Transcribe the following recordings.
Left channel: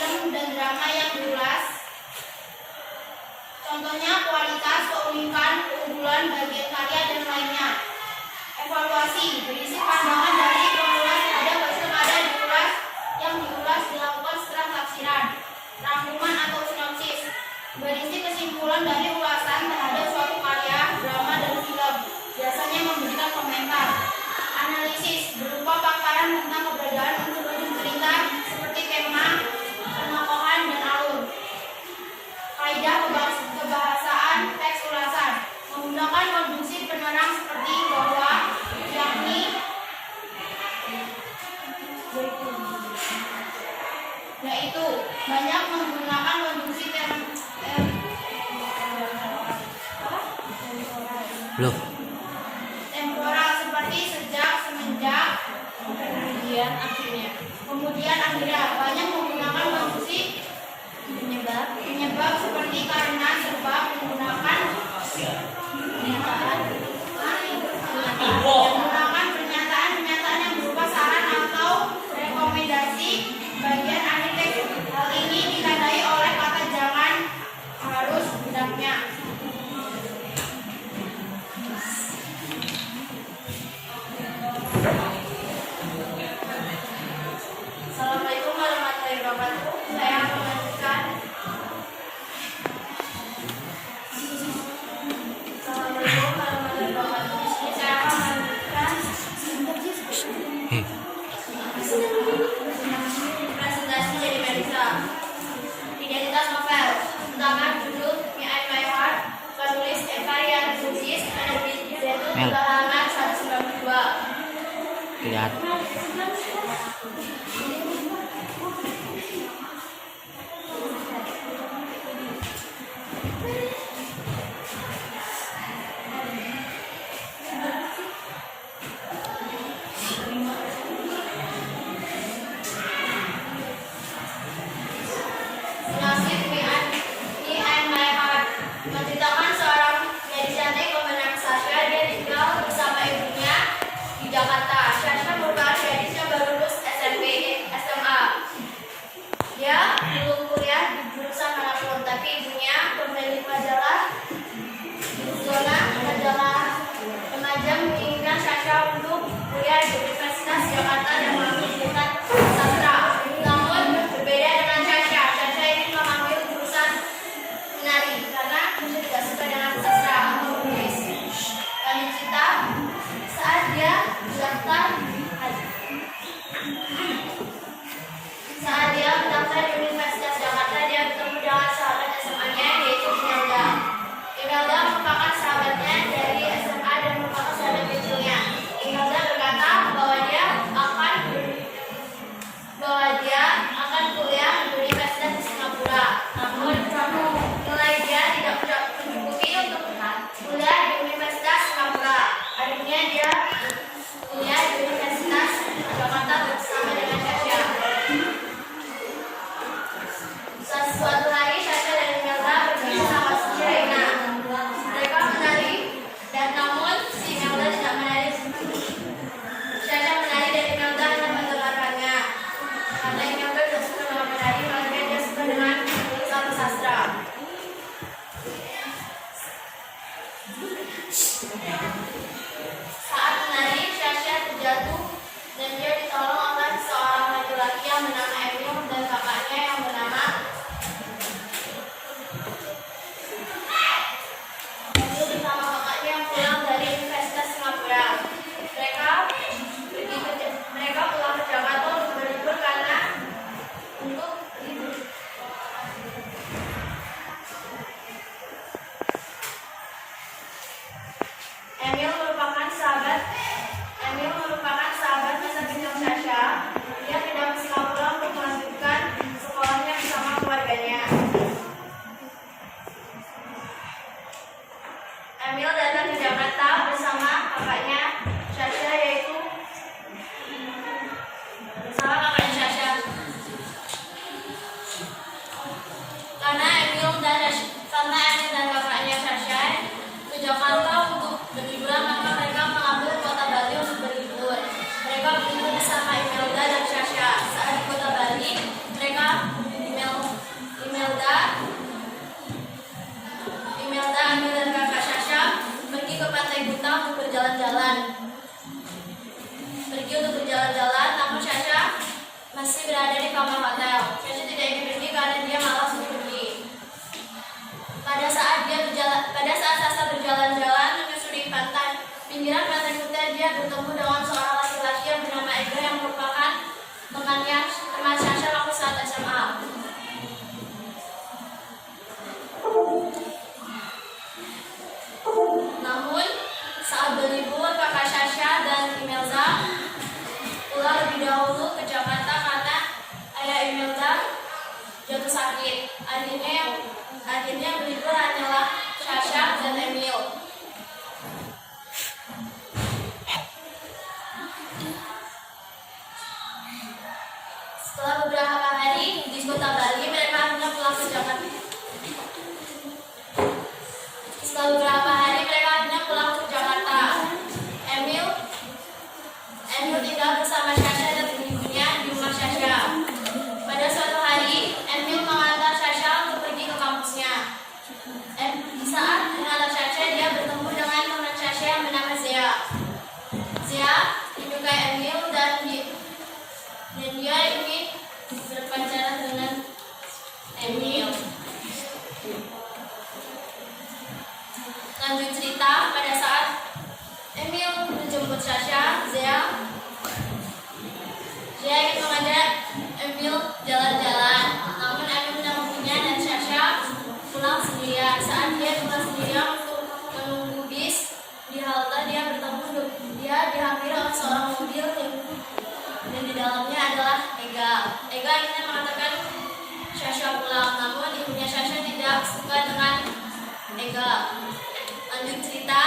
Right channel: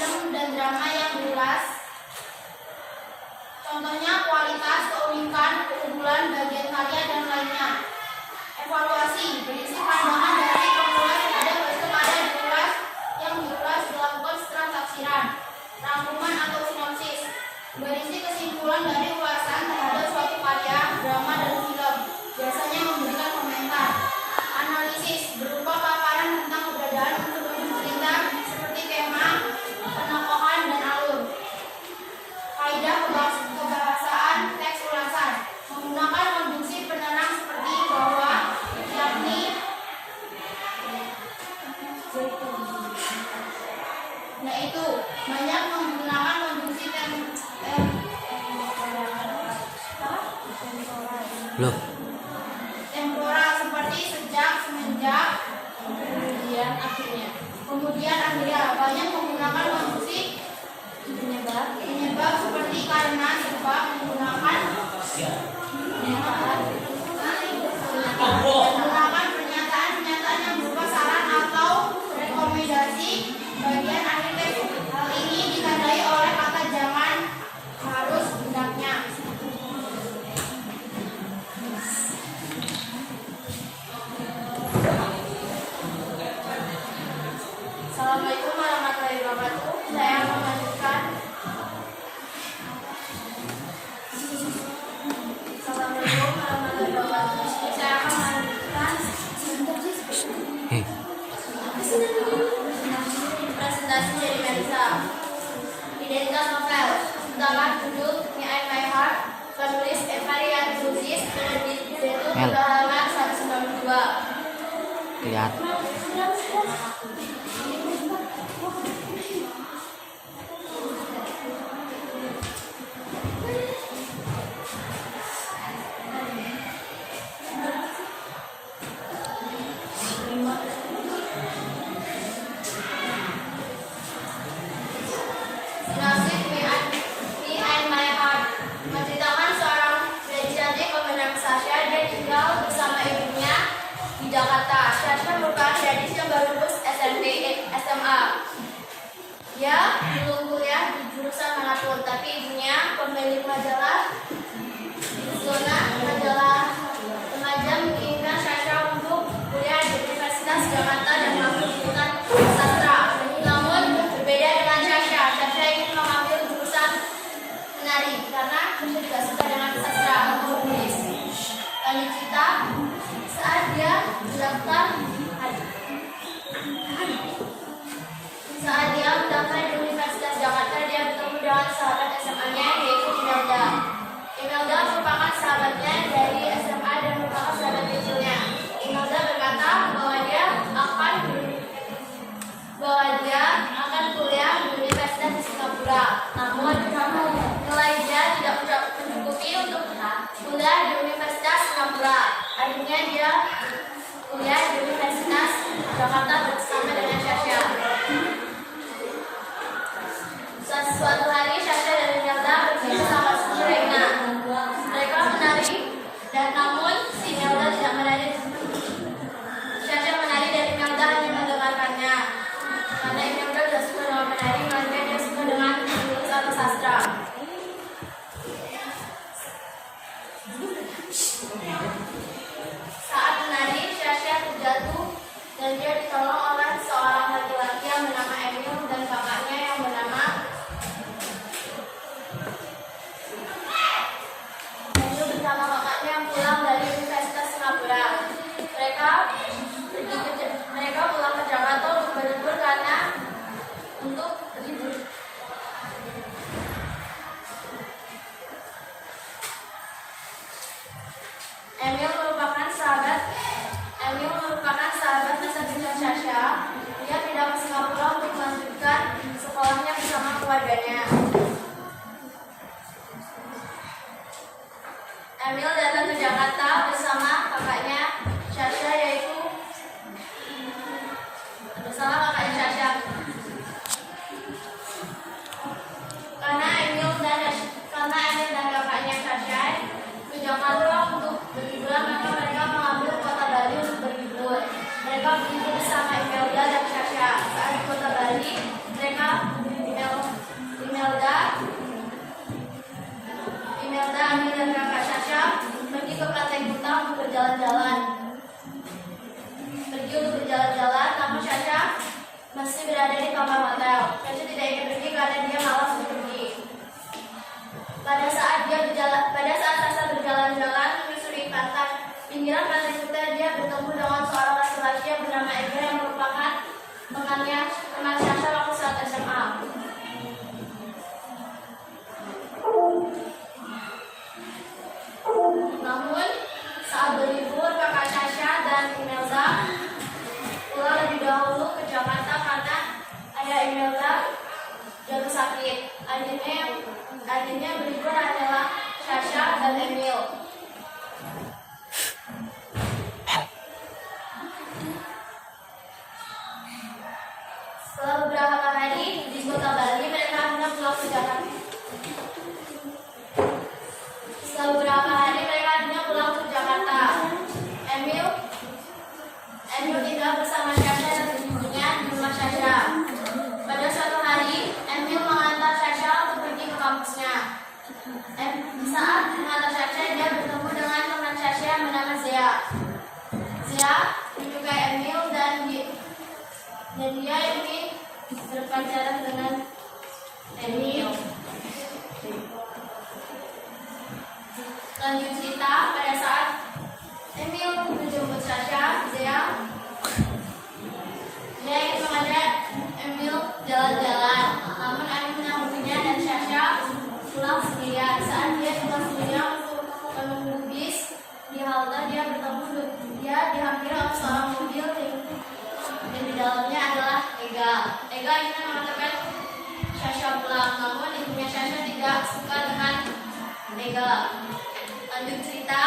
film dan drama yang diulas. Contohnya kualitas, keunikan, keunggulan, bagian karya, dan lainnya. Evaluasi berisi pandangan dari pengulas terhadap hasil karya yang diulas dilakukan setelah tafsiran. Rangkuman atau sinopsis berisi kesimpulan dari ulasan terhadap suatu karya, drama, dan film. Biasanya memberikan komentar. Analisis berupa paparan tentang keberadaan unsur-unsur cerita seperti tema, penokohan, dan alur. Kaidah kebahasaan teks ulasan menggunakan konjungsi penerang seperti bahwa, yakni, yaitu. Banyak menggunakan konjungsi temporal seperti sejak, semenjak, kemudian akhirnya. Banyak menggunakan konjungsi penyebab seperti karena, sebab, menggunakan pernyataan yang berupa saran atau rekomendasi bagian akhir teks. Hal ini ditandai oleh kata jangan, harus, hendaknya. Assalamualaikum warahmatullahi wabarakatuh. Saya akan melanjutkan. Assalamualaikum warahmatullahi wabarakatuh. Saya akan melanjutkan presentasi dari Melisa. Identitas novel. Pertama, judul Me and My Heart, penulis Eva Riana Lubis, penerbit Zaitun, halaman 192. Lihat. Sinopsis Me and My Heart menceritakan seorang gadis cantik bernama Sasha. Dia tinggal bersama ibunya di Jakarta. Sasha merupakan gadis yang baru lulus SMP, SMA. Dia belum kuliah di jurusan manapun, tapi ibunya pemilik majalah Zona, majalah remaja, menginginkan Sasha untuk kuliah di Universitas Jakarta dan mengambil jurusan sastra. Namun berbeda dengan Sasha ingin mengambil jurusan menari karena Sasha tidak suka dengan sastra atau menulis. Lanjut cerita, saat dia mendaftar di Universitas Jakarta, dia bertemu dengan sahabat SMA-nya, yaitu Imelda. Imelda merupakan sahabatnya dari SMA dan merupakan sahabat kecilnya. Imelda berkata bahwa dia akan kuliah di Universitas di Singapura. Namun nilai dia tidak mencukupi untuk kuliah di Universitas Singapura. Akhirnya dia kuliah di masih berada di kamar hotel. Sasha tidak ingin pergi karena dia malas untuk pergi. Pada saat Sasha berjalan-jalan menyusuri pinggiran pantai Kuta, dia bertemu dengan seorang laki-laki yang bernama Ego yang merupakan teman Sasha waktu saat SMA. Namun, saat berlibur, kakak Sasha dan Imelda pulang lebih dahulu ke Jakarta karena ayah Imelda jatuh sakit. Akhirnya berlibur hanyalah Sasha dan Emil. Setelah beberapa hari di kota Bali, mereka akhirnya pulang ke Jakarta. Emil tinggal bersama Sasha dan ibunya di rumah Sasha. Pada suatu hari, Emil mengantar Sasha untuk pergi ke kampusnya. Saat mengantar Sasha, dia bertemu dengan teman Sasha yang bernama Zea. Zea menyukai Emil dan dia ingin berpacaran dengan Emil. Lanjut cerita, pada saat Emil menjemput Sasha, Zea ingin mengajak Emil jalan-jalan. Namun Emil menangguhnya dan Sasha pulang sendirian. Saat dia pulang sendirian untuk menunggu bis di halte, dia dihampiri oleh seorang mobil yang di dalamnya adalah Ega. Ega ingin mengantarkan Sasha pulang, namun ibunya Sasha tidak suka dengan Ega. Lanjut cerita,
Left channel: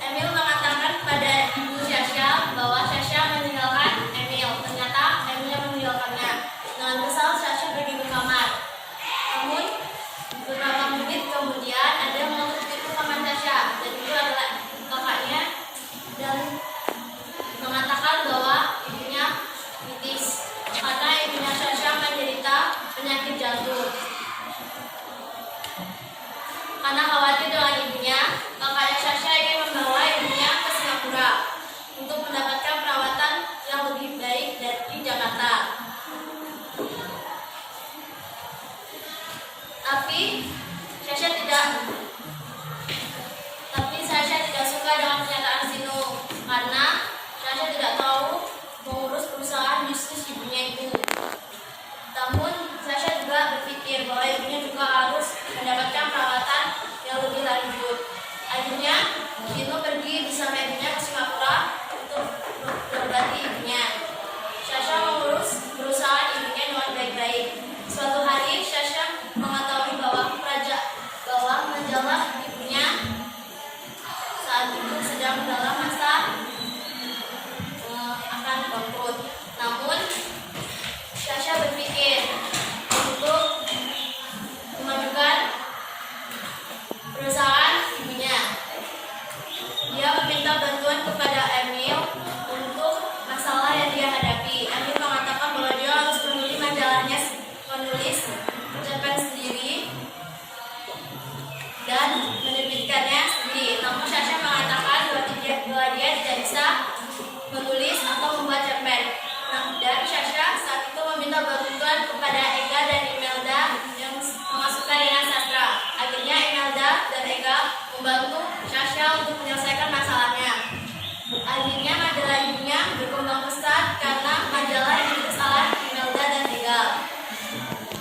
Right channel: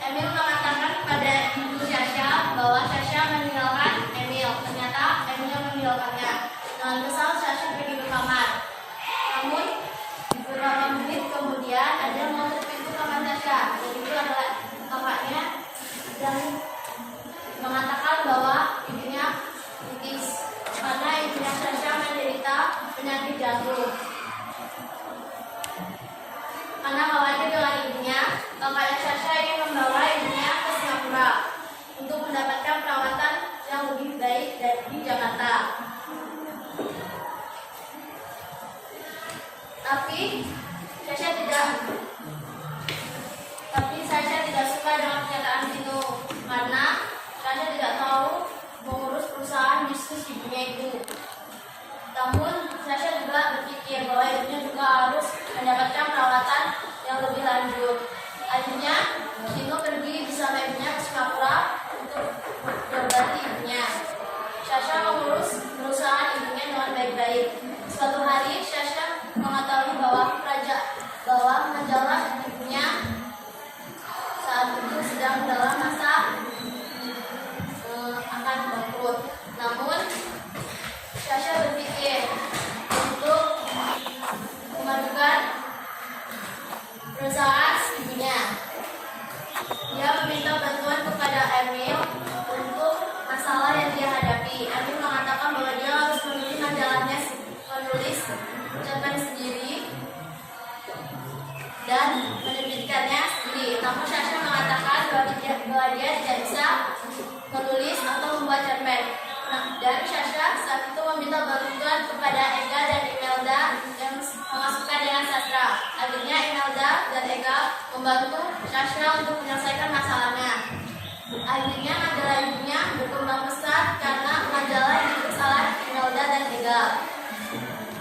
Emil mengatakan kepada ibu Sasha bahwa Sasha meninggalkan Emil. Ternyata Emil yang meninggalkannya. Dengan kesal, Sasha pergi ke kamar. Namun beberapa menit kemudian ada yang mengetuk pintu kamar Sasha, dan itu adalah kakaknya, dan mengatakan bahwa ibunya kritis karena ibunya Sasha menderita penyakit jantung. Karena khawatir dengan ibunya, kakaknya Sasha ingin membawa ibunya ke Singapura untuk mendapatkan perawatan yang lebih baik dari Jakarta. Tapi Sasha tidak suka dengan pernyataan Sino karena Sasha tidak tahu mengurus perusahaan bisnis ibunya itu. Namun Sasha juga berpikir bahwa ibunya juga harus mendapatkan perawatan yang lebih lanjut. Akhirnya Sino pergi bersama ibunya ke Singapura untuk berobat ibunya. Sasha mengurus perusahaan ibunya dengan baik-baik. Suatu hari Sasha mengetahui bahwa majalah ibunya saat itu sedang dalam masa akan bangkrut. Namun Sasha berpikir untuk memajukan perusahaan ibunya. Dia meminta bantuan kepada Emil untuk masalah yang dia hadapi. Emil mengatakan bahwa dia harus menulis majalahnya, menulis cerpen sendiri dan menerbitkannya sendiri. Namun Sasha mengatakan bahwa dia tidak bisa menulis atau membuat cerpen. Dan Sasha saat itu meminta bantuan kepada Ega dan Imelda yang memasukkan dengan sastra. Akhirnya Imelda dan Ega membantu Sasha untuk menyelesaikan masalahnya. Akhirnya majalah ibunya berkembang pesat karena majalah yang ditulis oleh Imelda dan Ega.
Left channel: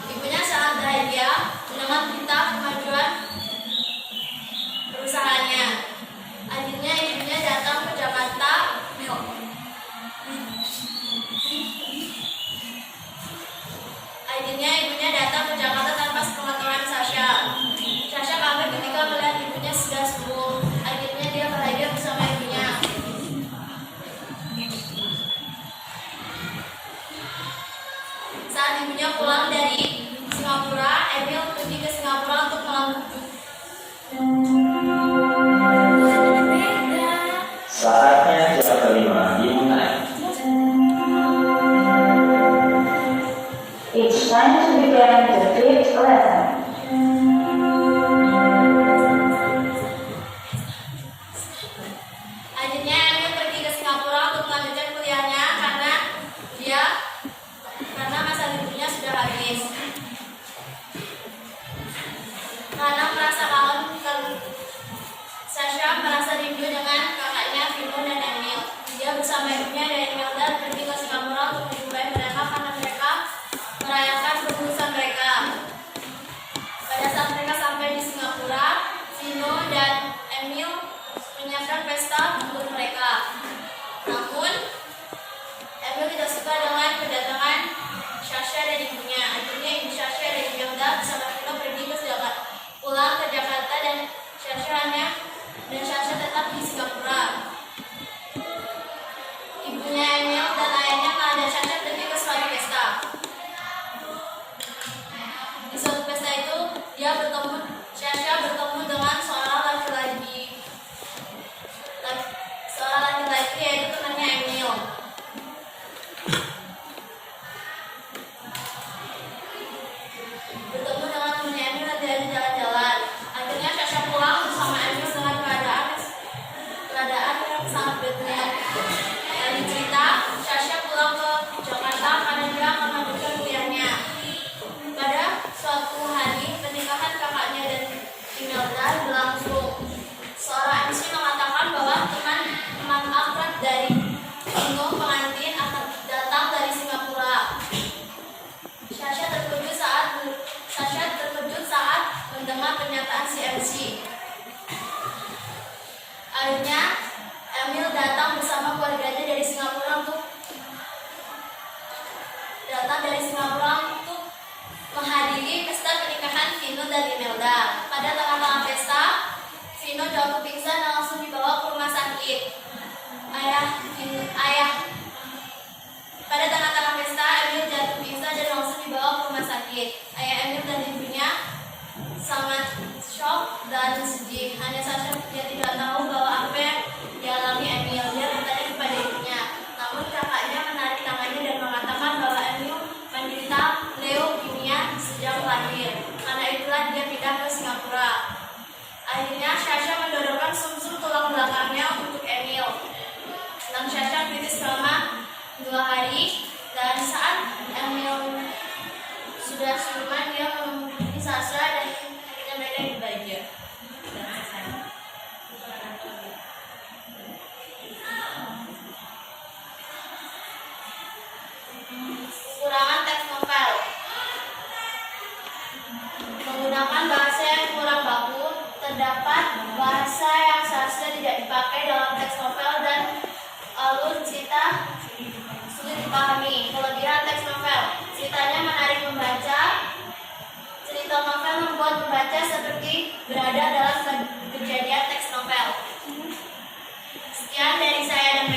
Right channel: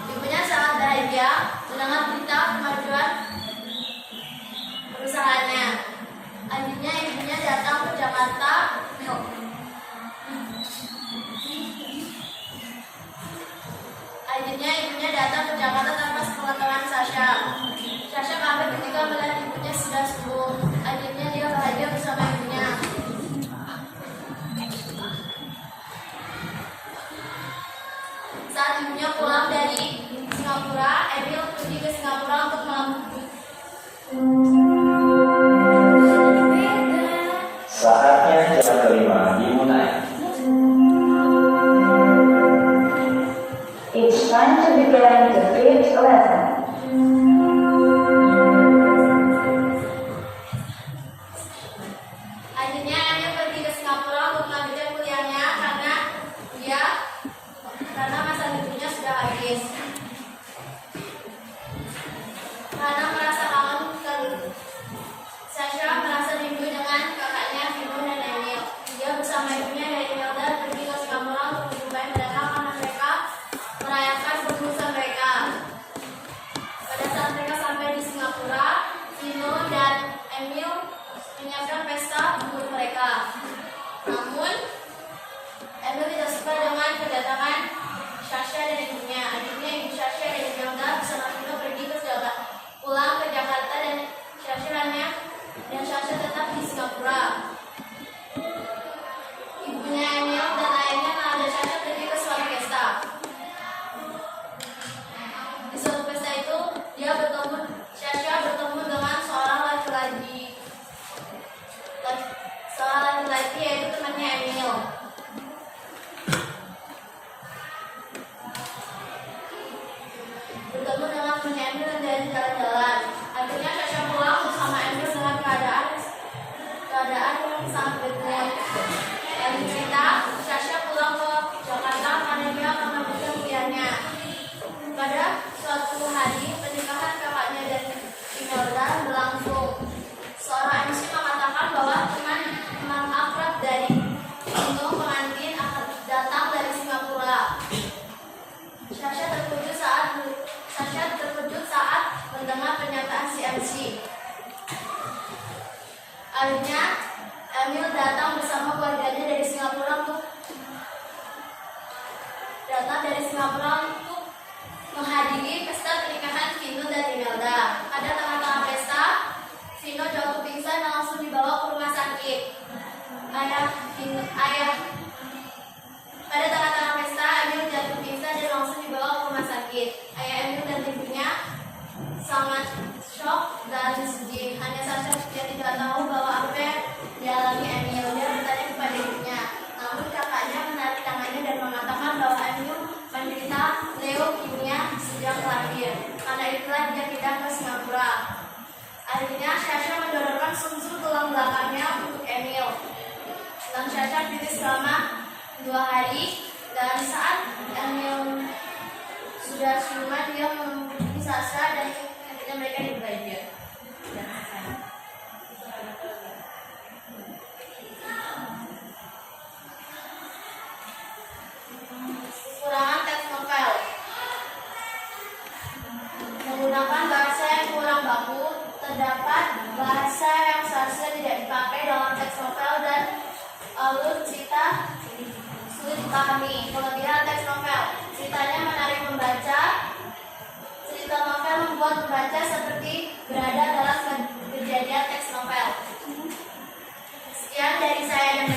Ibunya sangat bahagia mendengar berita kemajuan perusahaannya. Akhirnya ibunya datang ke Jakarta. Tanpa sepengetahuan Sasha. Sasha kaget ketika melihat ibunya sudah sembuh. Akhirnya dia bahagia bersama ibunya. Saat ibunya pulang dari Singapura, Emil pergi ke Singapura untuk melamar. Saatnya jam kelima dimulai. It's time to begin the fifth lesson. Akhirnya Emil pergi ke Singapura untuk melanjutkan kuliahnya karena dia Akhirnya Emil datang bersama keluarganya dari Singapura untuk menghadiri pesta pernikahan Vino dan Imelda. Pada tengah-tengah pesta, Vino jatuh pingsan dan langsung dibawa ke rumah sakit. Pada tengah-tengah pesta, Emil jatuh pingsan dan langsung dibawa ke rumah sakit. Ayah Emil dan ibunya sangat shock dan sedih. Hanya Sasha yang tidak tahu bahwa apa yang dialami Emil. Dia bertanya kepada ibunya. Namun kakaknya menarik tangannya dan mengatakan bahwa Emil menderita leukemia sejak lahir. Karena itulah dia pindah ke Singapura. Akhirnya Sasha mendonorkan sum-sum tulang belakangnya untuk Emil. Dan Sasha kritis selama 2 hari. Dan saat Emil sudah siuman, dia menghubungi Sasha dan akhirnya mereka dibahagia. Dan selesai. Kekurangan teks novel. Menggunakan bahasa yang kurang baku, terdapat bahasa yang seharusnya tidak dipakai dalam teks novel dan alur cerita sulit dipahami. Kelebihan teks novel, ceritanya menarik membaca. Cerita novel membuat pembaca seperti berada dalam kejadian teks novel. Sekian dari saya dan